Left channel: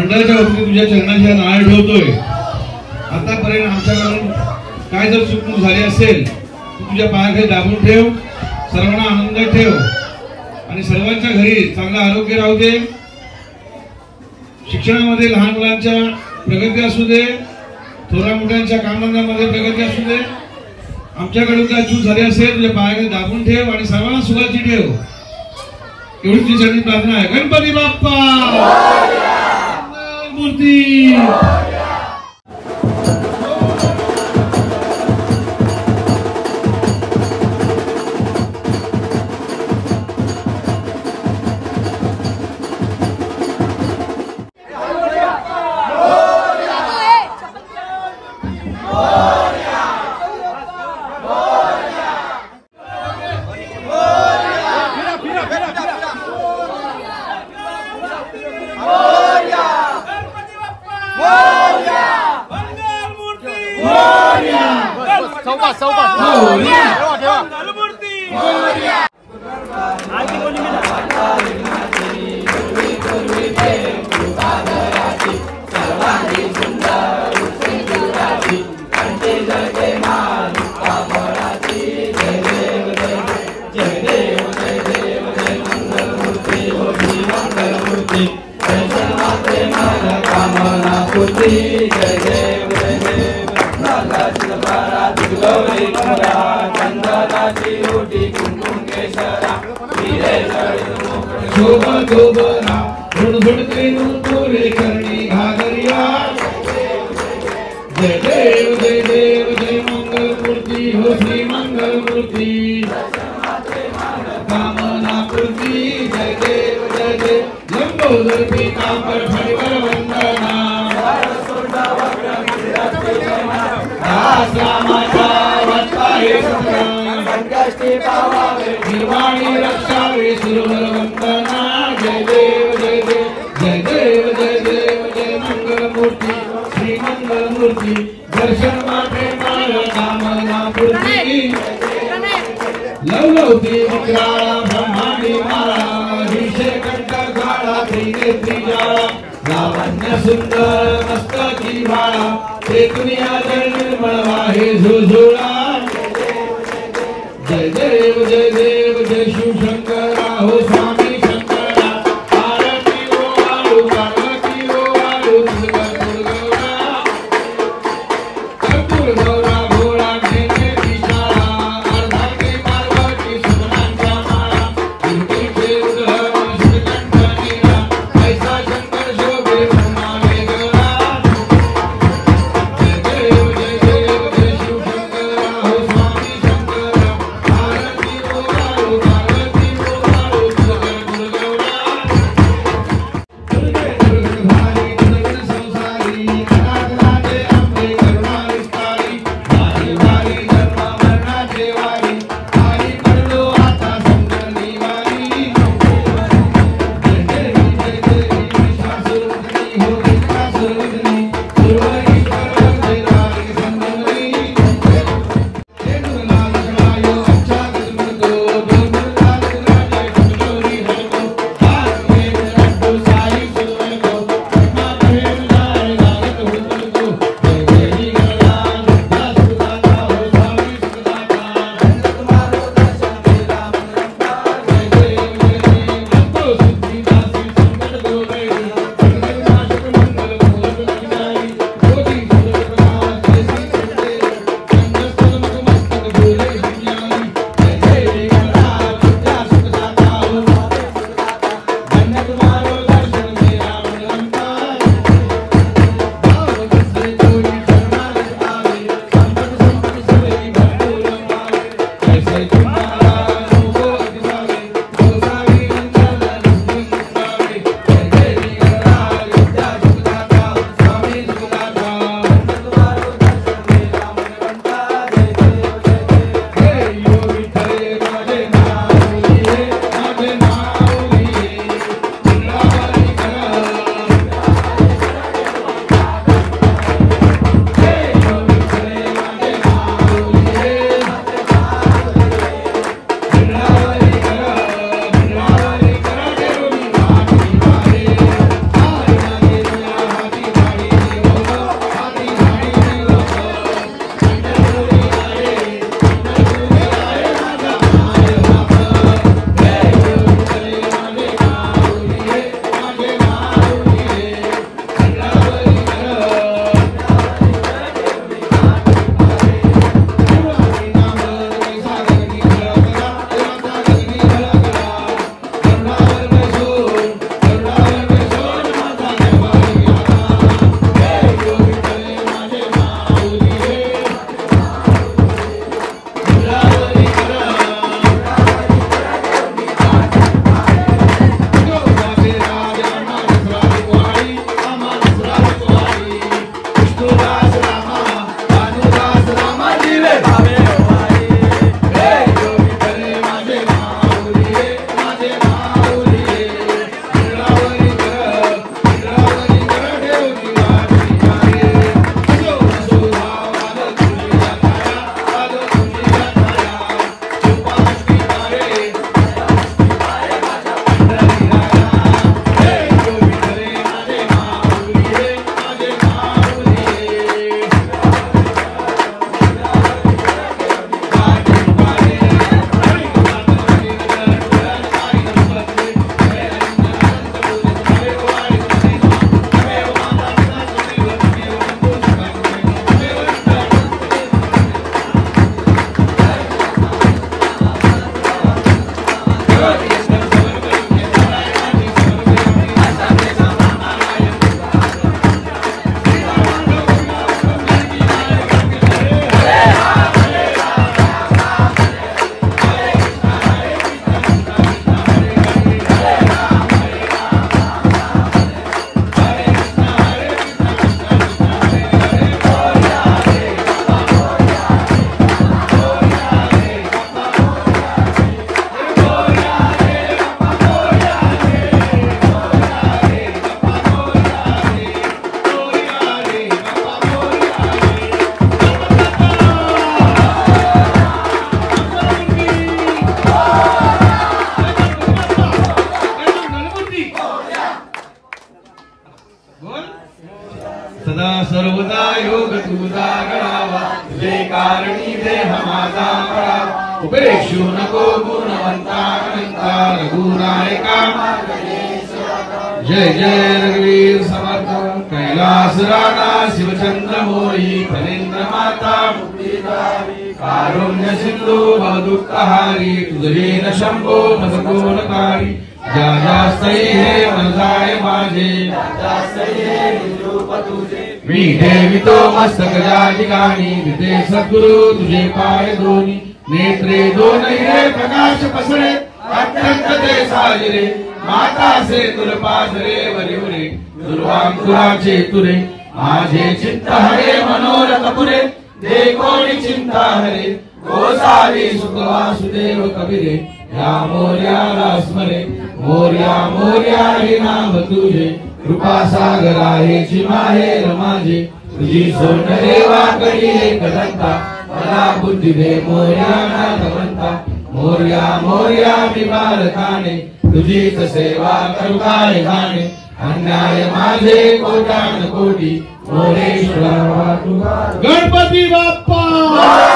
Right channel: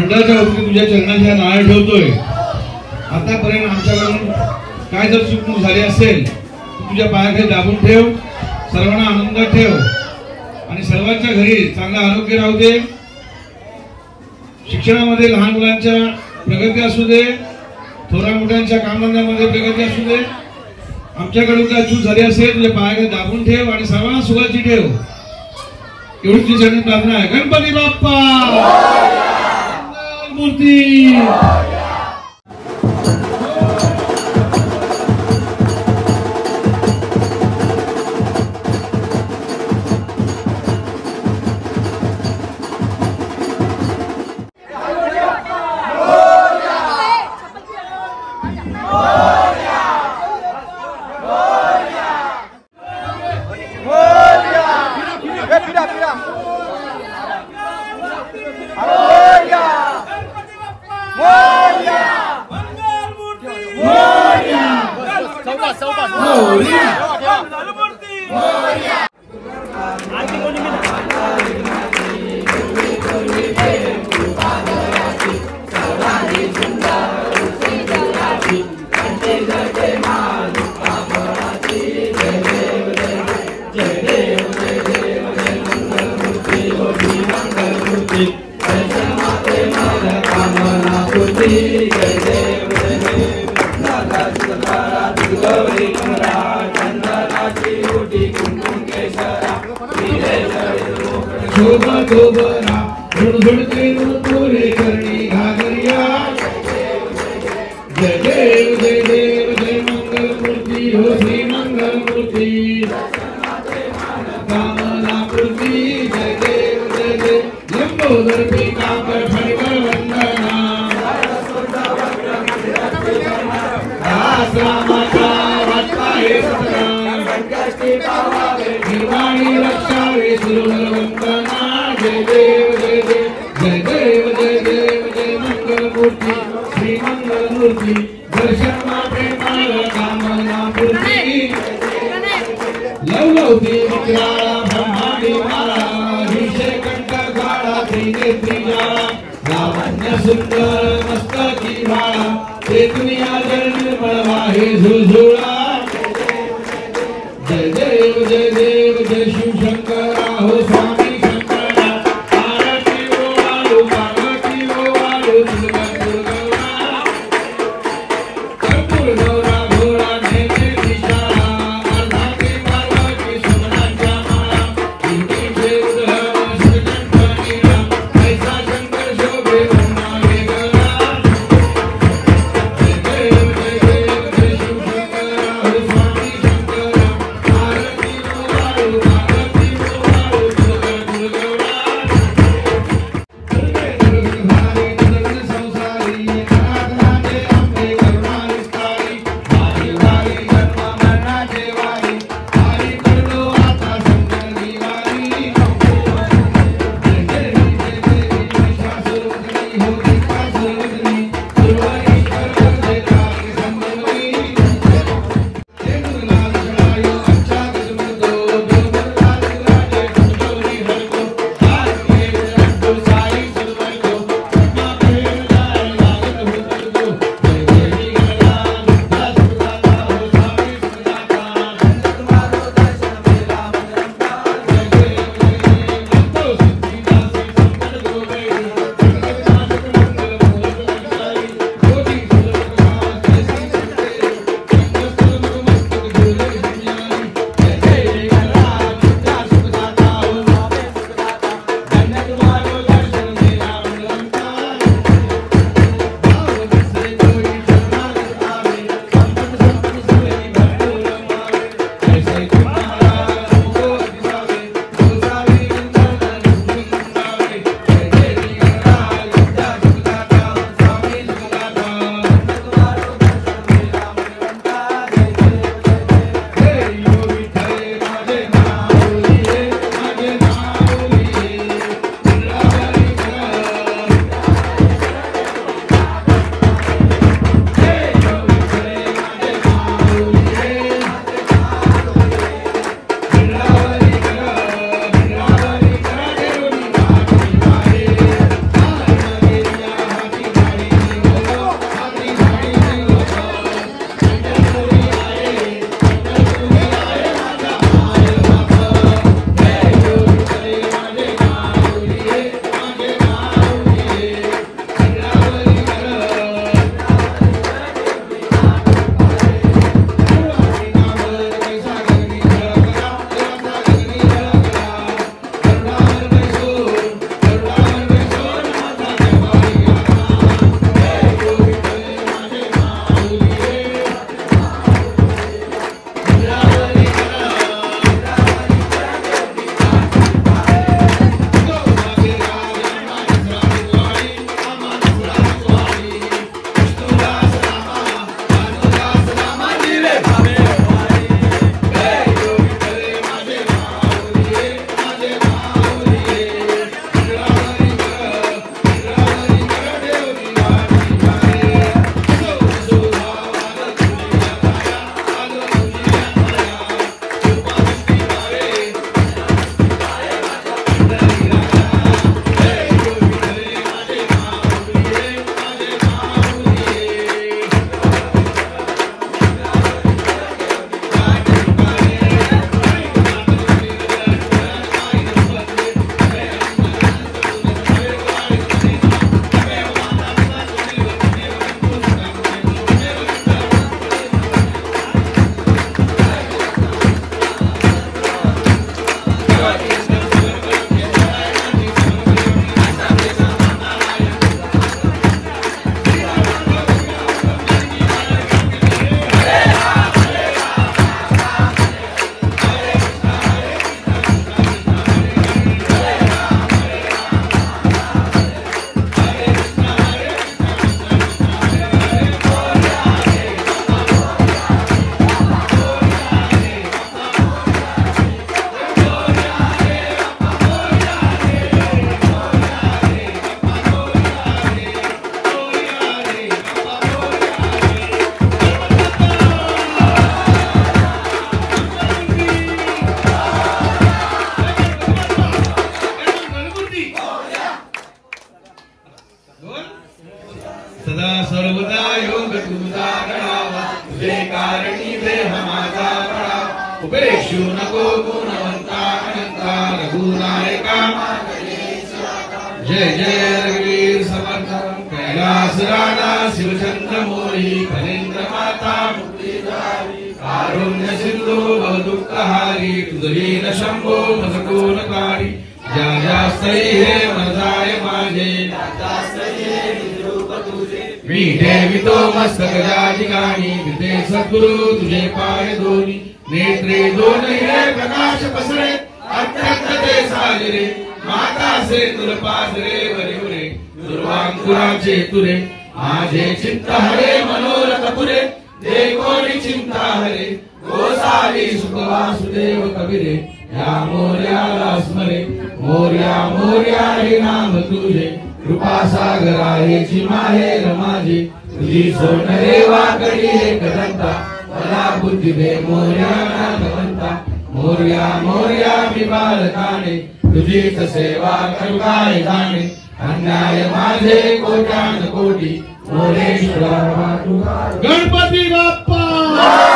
मंडळाच्या वतीने तुझ्या चरणाच्या नाळ ठेवतोय। आतापर्यंत आमच्याकडून काय जर चूक झाली असेल तुझ्या पायाखाली दाबून ठेव, सर्वांना आनंदात ठेव आणि सर्वांच्या घरी चांगलं आरोग्य राहू दे। शिक्षणामध्ये लहान मुलांच्या प्रगती असू दे, थोरा मोठ्यांच्या कामधंद्यामध्ये प्रगती असू दे। आमच्याकडून काय चूक झाली असेल तुझ्या पायाखाली दाबून ठेव आणि सर्वांना सुखाची ठेव, एवढी तुझी चरणी प्रार्थना आहे। गणपती बाप्पा मूर्ती सुंदर मस्तकी बाळा ते दुनिया जल निर्मळ वाहे झुळझुळा। जय देव जय देव जय शिव शंकरा हो स्वामी शंकरा। पार्वती ओ आलू पार्वती ओ आलू दुर्गा कर्पूर गौरा भोळा ढेके दिशाळा। अर्धांगी पार्वती सुमनांच्या माळा दुर्गे देव ग्रह श्रीकंठनीला ऐसा शंकर शोभे उपेक्षु नको गुणवंता अनंता रघुनायका जय जय रघुवीर समर्थ कैलास राणा शिवचंद्र मोही फणींद्र माता कारुण्य सिंधू बहुदुःखहारी तुझवीन शंभो भजकोणकारी ज्या जास्तई हे मनजाय माझे मी ठेवितो मस्तक ज्या ठिकाणी तिथे सद्गुरु तुझे पाय दोन्ही नेत्रे दोन्ही रे प्रकाश पसरे अत्यंत ते साजरे माता से तुर पाजरे वरे दुर्वांकुराचे तुरे माझे चित्त हरे मनोरथ पुरे देखोनी चिंता हरे गोसावी सुख वासुदेव कबीरे या मोर्याला स्मरे मोर्या मोर्या हे नाम तुझे कृपा सागरा हे चिमाहे रमाजे तुझी सोनरे वाकडी हे कदंता मला बुद्धी दे मोर्या नाथवंता मोर्या मोर्या मी बालकाने तुझीच सेवा करू काय गाणे अन्याय माझे कोट्यान कोटी मोरेश्वरा गणपती बाप्पा